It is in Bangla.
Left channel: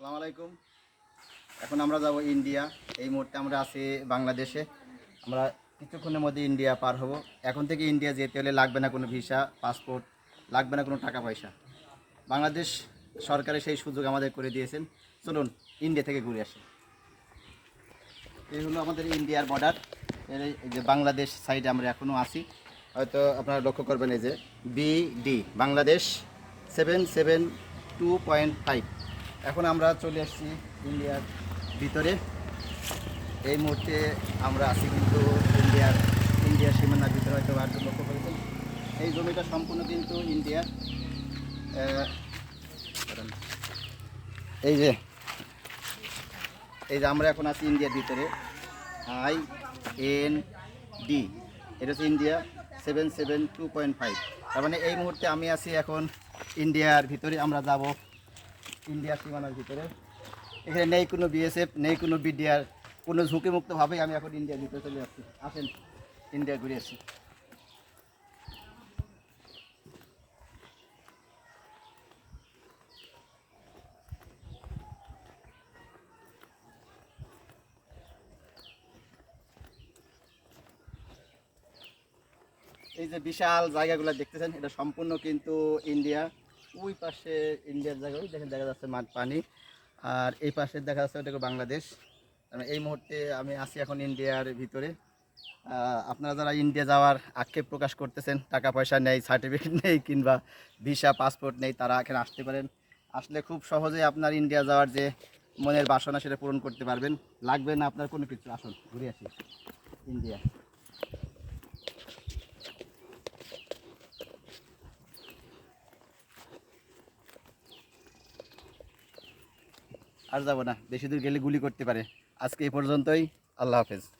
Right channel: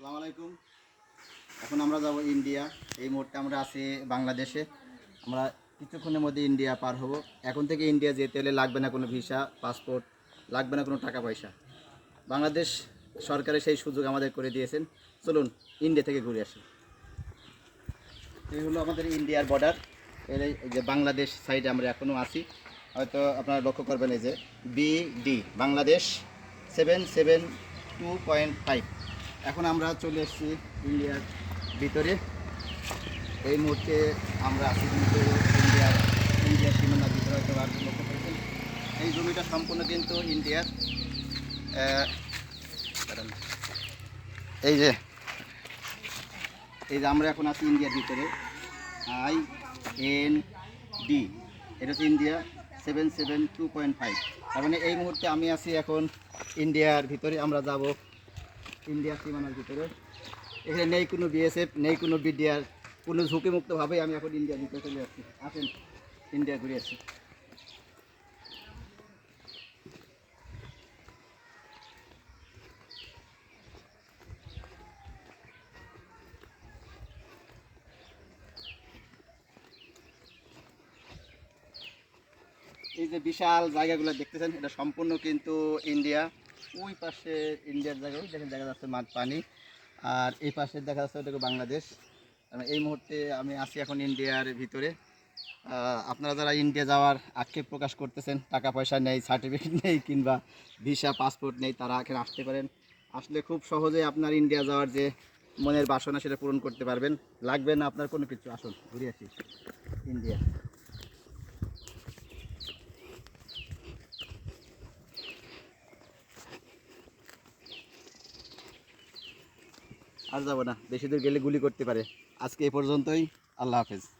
সালাম আলাইকুম। এখন আমরা যাব ইন্ডিয়া। এই মুহূর্তে আমরা আছি বাংলাদেশে। আমরা কিছুক্ষণের মধ্যে ইন্ডিয়া পার হব। এখন থেকে ইন্ডিয়া যেতে হলে লাগবে না কোনো ভিসা, পাসপোর্ট, লাগবে না কোনো টাকা পয়সা। বাংলাদেশ সরকারের সেই সুযোগ আমাদের করে দিয়েছেন। চলুন, ইন্ডিয়া থেকে ঘুরে আসি। এই হলো আমাদের ইন্ডিয়ার বর্ডার এর যে বাংলাদেশ সাইডে আমরা এখনও আছি। হয়তো আপনারা লক্ষ্য করবেন এই যে BD Bangladesh seven seven two point five এখন আমরা চলে এসেছি ইন্ডিয়ার ভিতরে। এই মুহূর্তে আমরা আছি কিন্তু ইন্ডিয়ার ইন্ডিয়ার সীমানার ভিতরে হয়তো আর লক্ষ্য করেছেন। এই জমিটা সম্পূর্ণ কিন্তু ইন্ডিয়ার এই যে এই যে আমরা এখন আছি ইন্ডিয়ার ভিতরে। আই এন ডি, এটা হচ্ছে India seven seven two point five. তার মানে এই মুহূর্তে আমি আছি এখন ইন্ডিয়ার ভিতরে। আমরা যাব ইন্ডিয়ার সীমানার ভিতরে। এখানে নেই কোনো বিএসএফ নেই কোনো বিডিআর কোনো ঝুঁকিমুক্তভাবেই আমি এখন ইন্ডিয়ার ভিতরে চলে যাচ্ছি। আসেন ইন্ডিয়া ঘুরে আসি। এই যে বিশাল জায়গাগুলো দেখতেছেন, এটা সম্পূর্ণ কিন্তু ইন্ডিয়া ওই পাশে ইন্ডিয়ার জায়গা ওই দেখেন দেখা যাচ্ছে মাঠ পানি। আর এই পাশে দেখা যাচ্ছে ওটা বাংলাদেশ। এই মুহূর্তে আমি আছি এখন ইন্ডিয়ার ভিতরে। আপনারা যারা ইন্ডিয়া যাওয়ার আক্ষেপ প্রকাশ করতেছেন, টাকা পয়সা নেই সার্টিফিকেট নেই, কিংবা ভিসা পাসপোর্ট নেই, তারা এখানে আসতে পারেন। আসলে খুব সহজে আপনার ইন্ডিয়া যাওয়ার যে মনের বাসনা, সেটা পূরণ করতে পারবেন। লাগবে না আপনার কোনো কিছু। আসুন, ঘুরে আসি। ইন্ডিয়া। আর যাব না। বেশি দূর গেলে গুলি করতে পারে। আজকে এই পর্যন্তই। আল্লাহ হাফেজ।